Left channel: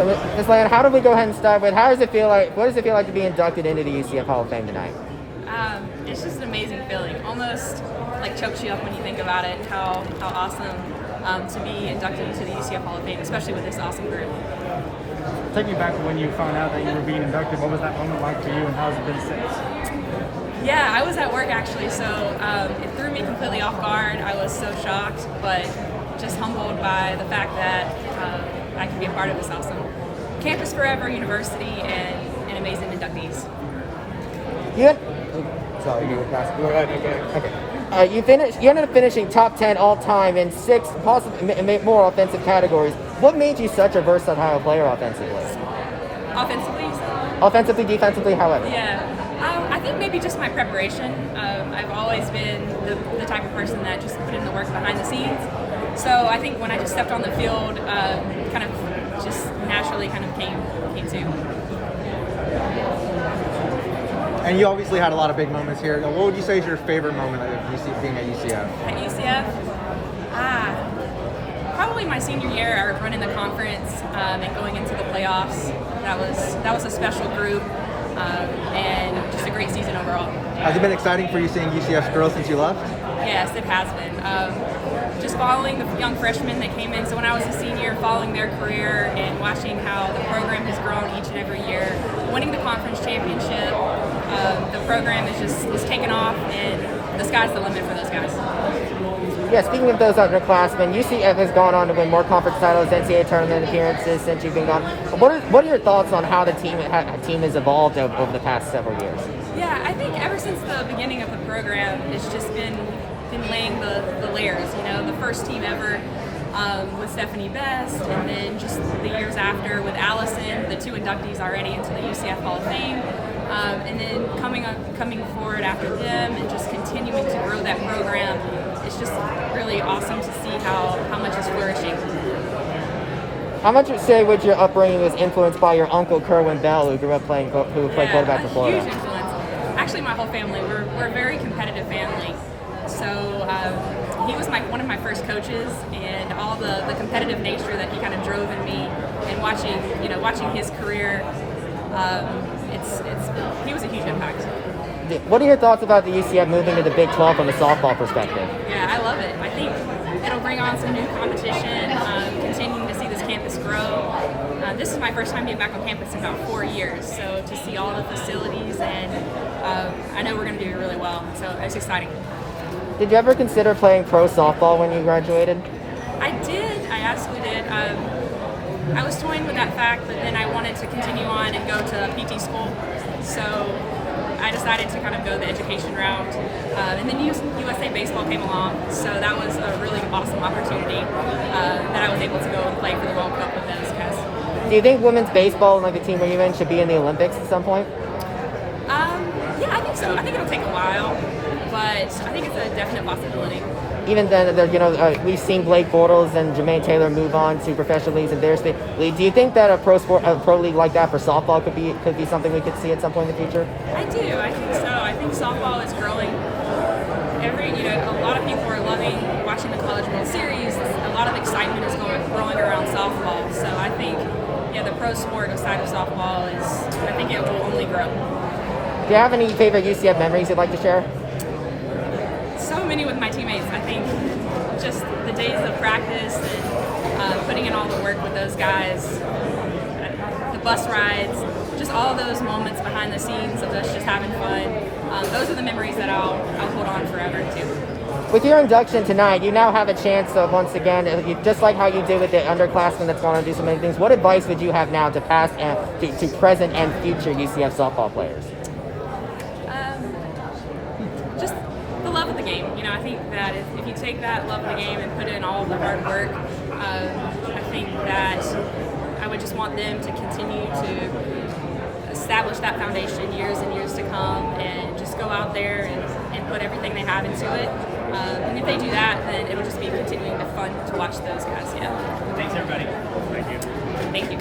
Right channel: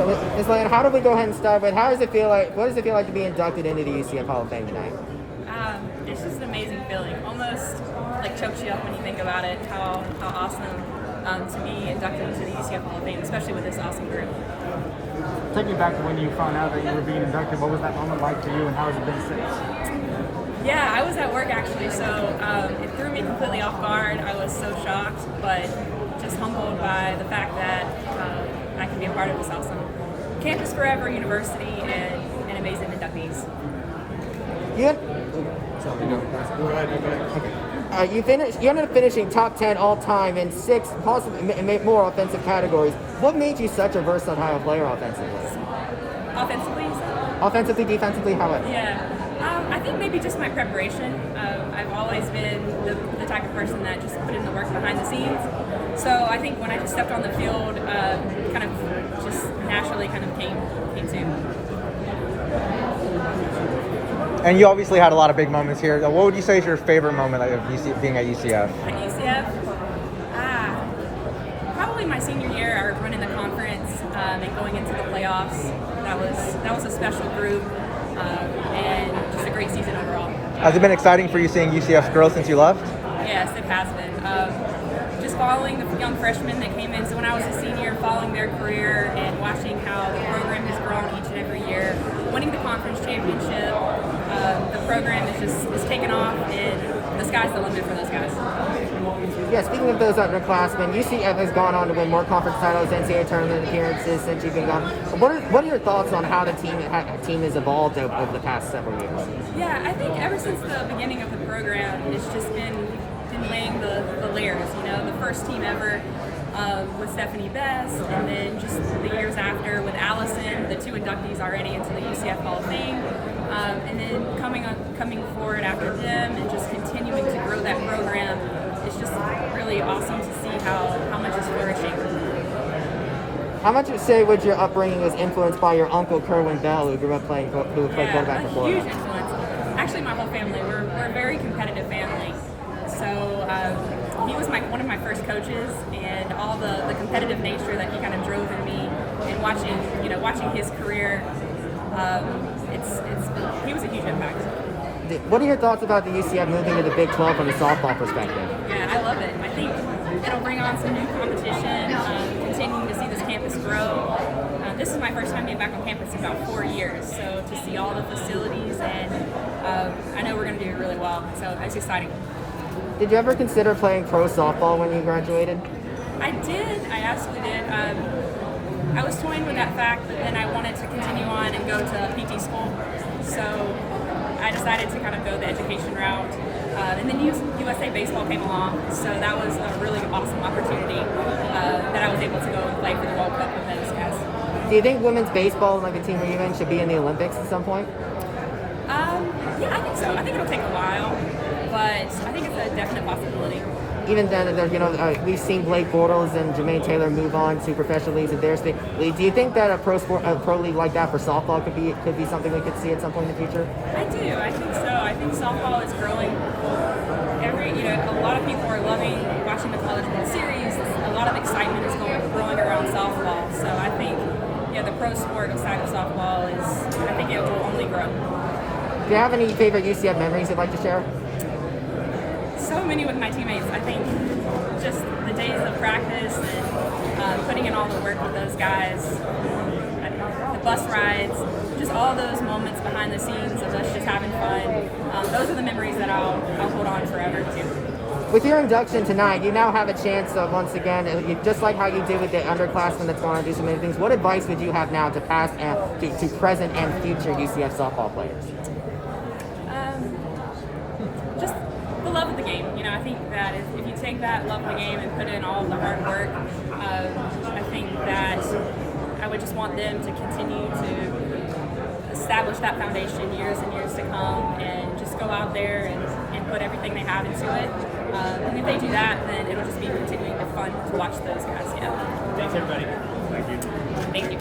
So, Ms. Land, how do we go ahead and start with, how does it feel like, what does it feel like to be inducted into the UCF Hall of Fame tonight? It's just an amazing feeling. Almost like chokes you up when you think about it, how awesome to be inducted into the UCF Hall of Fame, especially with this awesome group. Take me back to when you found out that you were being inducted. What was that moment like for you, and how has it been since? Yeah, I was at work actually, so it threw me completely off guard. I was so shocked, but just humbled by the fact that I could be a part of this awesome Campus Forever University and amazing inductees. Sorry, you Go ahead. Okay. You ended up finishing top 10 all time in 6, possibly more offensive categories. What made you such a versatile player offensively? Offensively, you said? Offensively, defensively, however. Yeah. I think maybe just my preparation. I've always been the type of person that just put in the work behind the scenes. So I think when I just stepped on the field, kind of just naturally kind of came to. And you obviously had a lot of big moments here. What would you say is your favorite moment of being at UCF? At UCF? Probably my senior year. I was running the conference and going into the playoffs. That was a special group and just a great season overall. Has it been exciting for you seeing UCF's growth since you left? Yes, it has been. Just following the young freshmen that came in. So when I was a senior, following their career and watching how the program has grown each and every year, winning the conference championship, the program is taking off, and the sky's the limit for those guys. Yeah, speaking of those underclassmen, UCF has gone on to win more conference titles, NCAA tournament appearances since you've been gone. What are your thoughts on how the team has evolved over the past several years? Yeah, I think ever since the beginning of the program, it's just been laying the layers. You know, the first team ever with Stephanie Best, and then just the years after with Allison, the 2 inductees already into the UCF Hall of Fame, and then coming forward after them and just continuing to grow that program. It's just really awesome to see how much is flourishing. How much would your upbringing was influenced by your uncle Kerwin Bell, who grew up played quarterback for Florida? Huge influence. Actually, my whole family. We're a very competitive family. So he was one of my first coaches, and all the competitive nature that he kind of drove in me, and watching his career, he was a huge impact. What are your thoughts about the UCF moving to the Big 12 from a softball perspective? Yeah, I love it. I think it'll bring on some new competition, continuing to see this campus grow. This is my first time being back on campus in about 4 years, so to see all the facilities, and I know we're going to do really well, so it's exciting. Did you ever consider playing pro softball when you graduated? I did. I absolutely did. I was toying with that fact, but then I wanted to continue on and go to PT school, so I decided to kind of go the education route, and then USA Baseball came along, so that was a really awesome opportunity that I was able to go and play for the World Cup with those guys. Do you think women's baseball, like the team where you're in, should be in the Olympics at some point? Yeah, I think so. I think it'll take a while, but I think it's a definite possibility. Even then, we've seen Blake Bortles and Jermaine Taylor move on to professional leagues in their state. Do you think that a pro league like that for softball could be something we could see at some point in the future? I do. I think so. I think softball is growing. A lot of people are loving watching the College World Series. A lot of excitement is growing around softball. So I think, the pro sport side of softball I think it will only grow. Do you have any favorite UCF memories you'd like to share? So many with my teammates. I think just the days of practice and putting in all the work with those guys, the bus rides, just all those moments behind the scenes of us just having fun. Those are the memories that I'll hold on forever to. With your induction tonight, you now have a chance of, once again, just like how you did with the underclassmen that's going to do so many things, what advice would you have now to past and to present and future UCF softball players? Just the love of the game. I think that if you take that love of the game and put in all of the hard work, I think that I would just want them to continue to establish that foundation years and years to come, and just go out there and put everything they have into it. And if they do that, then it'll just be continuing to fun to watch those guys. Yeah. Thanks, everybody. Thank you. Thank you.